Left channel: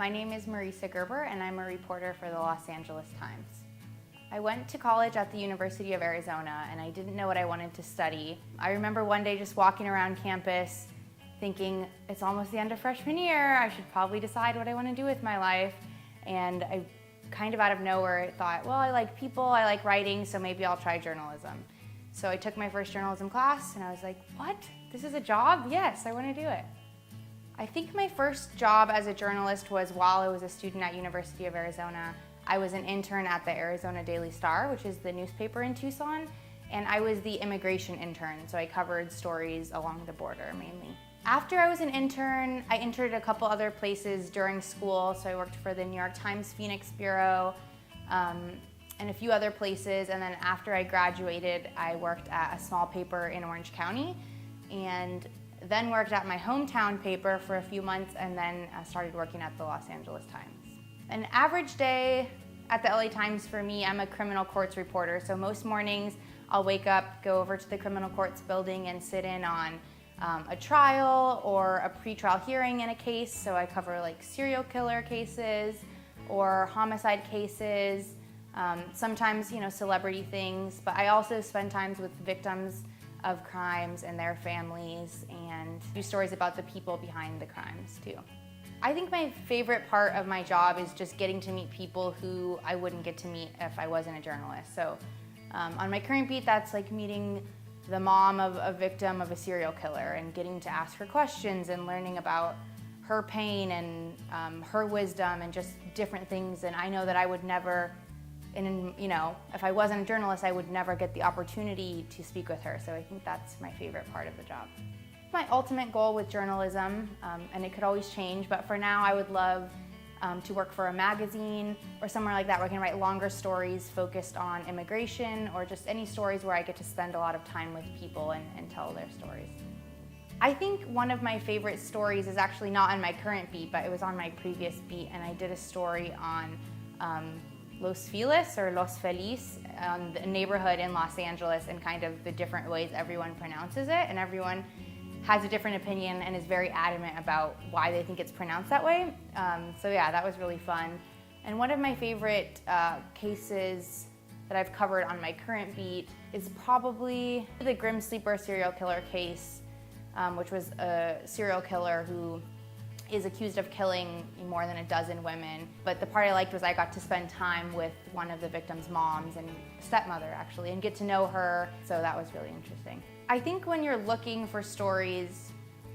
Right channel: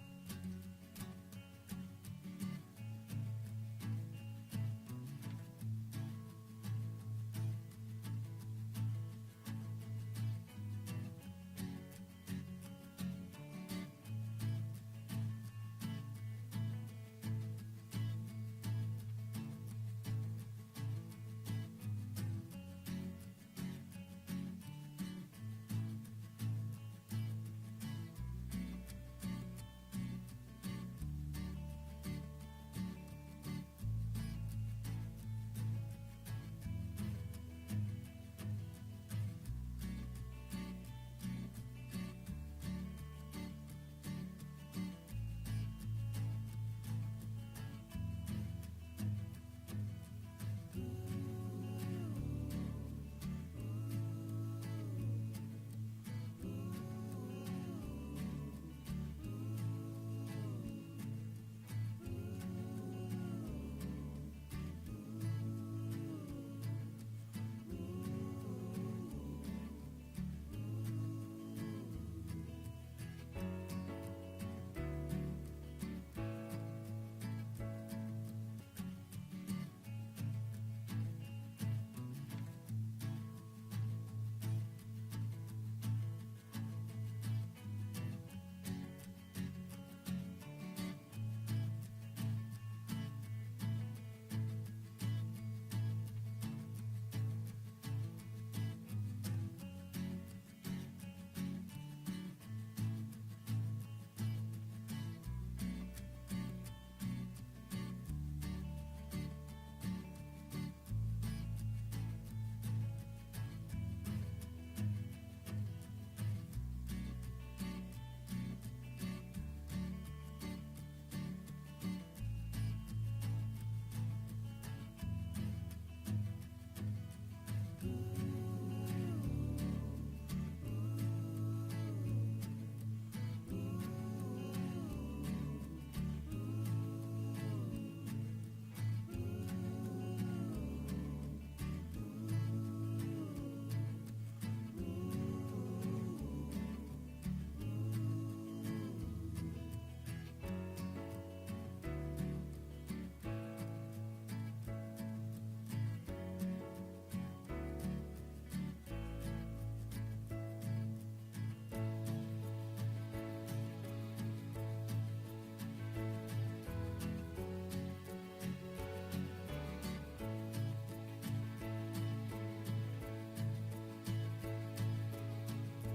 My name is Marissa Gerber and I'm a reporter for the Los Angeles Times. I went to college at the University of Arizona and I didn't know what I wanted to study. I remember one day just walking around campus thinking, it's almost the end of freshman year, I should probably decide what I want to do with my life. And I kind of out of nowhere thought, well, I like people, I like writing, so maybe I'll try journalism. So I took my first journalism class and I was like, what? This is a job? Yes, I want to do it. I think my first job as a journalist was while I was a student at University of Arizona. I was an intern at the Arizona Daily Star, which is the newspaper in Tucson, and I was the immigration intern, so I covered stories along the border mainly. After I was an intern, I interned a couple other places during school, so I worked for the New York Times Phoenix Bureau and a few other places, and then after I graduated, I worked at a small paper in Orange County, and then worked at my hometown paper for a few months, and then started working at the Los Angeles Times. An average day at the LA Times for me, I'm a criminal courts reporter, so most mornings I'll wake up, go over to the criminal courts building and sit in on a trial or a pretrial hearing in a case, so I cover like serial killer cases or homicide cases, sometimes celebrity things, but I also spend time with victims of crimes and their families and do stories about the people behind the crimes too. I think my favorite part of my job is just getting to meet people who I wouldn't get to meet if I wasn't a journalist. So on my current beat, that's like meeting the mom of a victim of a serial killer and getting to ask her questions and learning about her pain and her wisdom and just different things. And I know that I would never, if I wasn't a journalist, I would never get the opportunity to speak with her. So I think that's my favorite part of the job. My ultimate goal with journalism, and it could always change, but for now I would love to work for a magazine or somewhere like that where I can write longer stories focused on immigration or just any stories where I get to spend a lot of time with people and tell their stories. I think one of my favorite stories is actually not on my current beat, but it was on my previous beat, and I did a story on Los Feliz or Los Feliz, the neighborhood in Los Angeles, and kind of the different ways everyone pronounces it, and everyone has a different opinion and is very adamant about why they think it's pronounced that way. So yeah, that was really fun. And one of my favorite cases that I've covered on my current beat is probably the Grim Sleeper serial killer case, which was a serial killer who is accused of killing more than a dozen women. But the part I liked was I got to spend time with one of the victim's moms and stepmother actually, and get to know her, so that was really interesting. I think when you're looking for stories,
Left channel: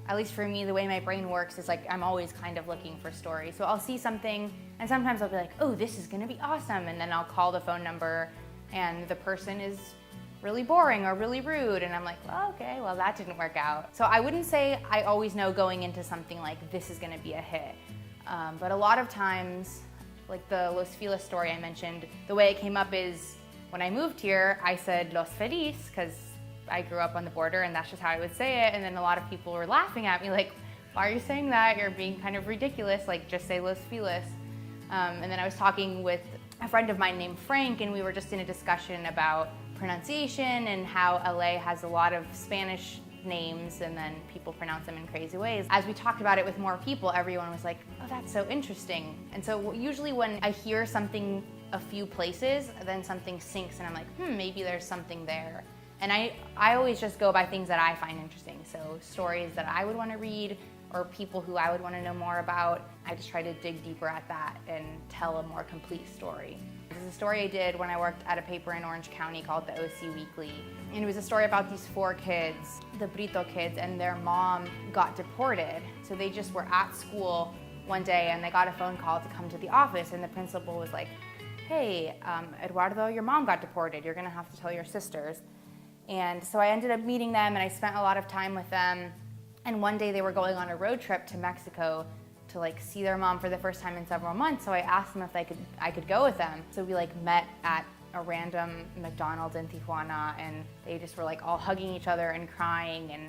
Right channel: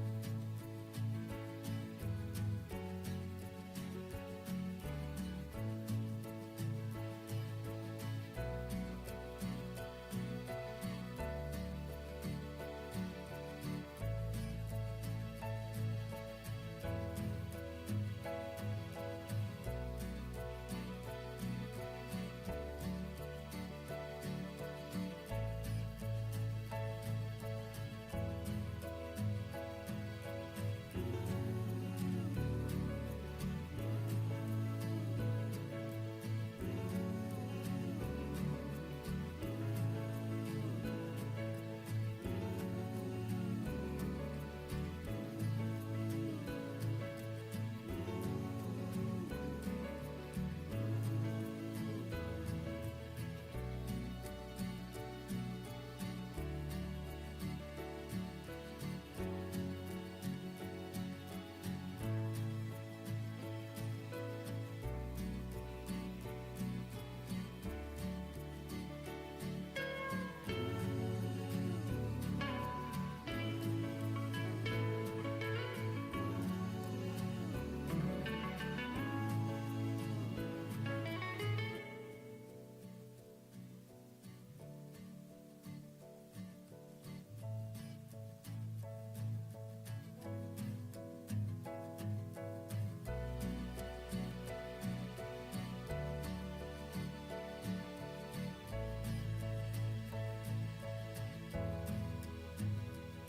at least for me, the way my brain works is like I'm always kind of looking for stories. So I'll see something and sometimes I'll be like, oh, this is gonna be awesome, and then I'll call the phone number and the person is really boring or really rude, and I'm like, oh, okay, well that didn't work out. So I wouldn't say I always know going into something like this is gonna be a hit, but a lot of times, like the Los Feliz story I mentioned, the way it came up is when I moved here, I said Los Feliz because I grew up on the border and that's just how I would say it, and then a lot of people were laughing at me like, why are you saying that? You're being kind of ridiculous, like just say Los Feliz. And then I was talking with a friend of mine named Frank, and we were just in a discussion about pronunciation and how LA has a lot of Spanish names and then people pronounce them in crazy ways. As we talked about it with more people, everyone was like, oh, that's so interesting. And so usually when I hear something a few places, then something sinks and I'm like, maybe there's something there. And I always just go by things that I find interesting. So stories that I would want to read or people who I would want to know more about. I just try to dig deeper at that and tell a more complete story. There's a story I did when I worked at a paper in Orange County called the OC Weekly. And it was a story about these 4 kids, the Brito kids, and their mom got deported. So they just were at school one day and they got a phone call to come to the office, and the principal was like, hey, Eduardo, your mom got deported. You're gonna have to tell your sisters. And so I ended up meeting them and I spent a lot of time with them. And one day they were going on a road trip to Mexico to like see their mom for the first time in several months. So I asked them if I could go with them. So we like met at a random McDonald's in Tijuana, and they just were like all hugging each other and crying. And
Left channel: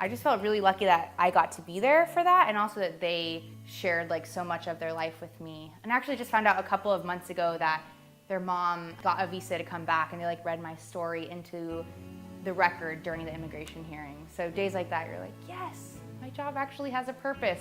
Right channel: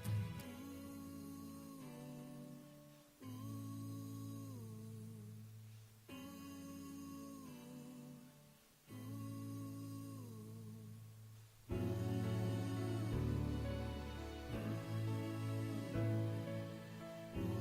I just felt really lucky that I got to be there for that, and also that they shared like so much of their life with me. And I actually just found out a couple of months ago that their mom got a visa to come back, and they like read my story into the record during the immigration hearing. So days like that, you're like, yes, my job actually has a purpose.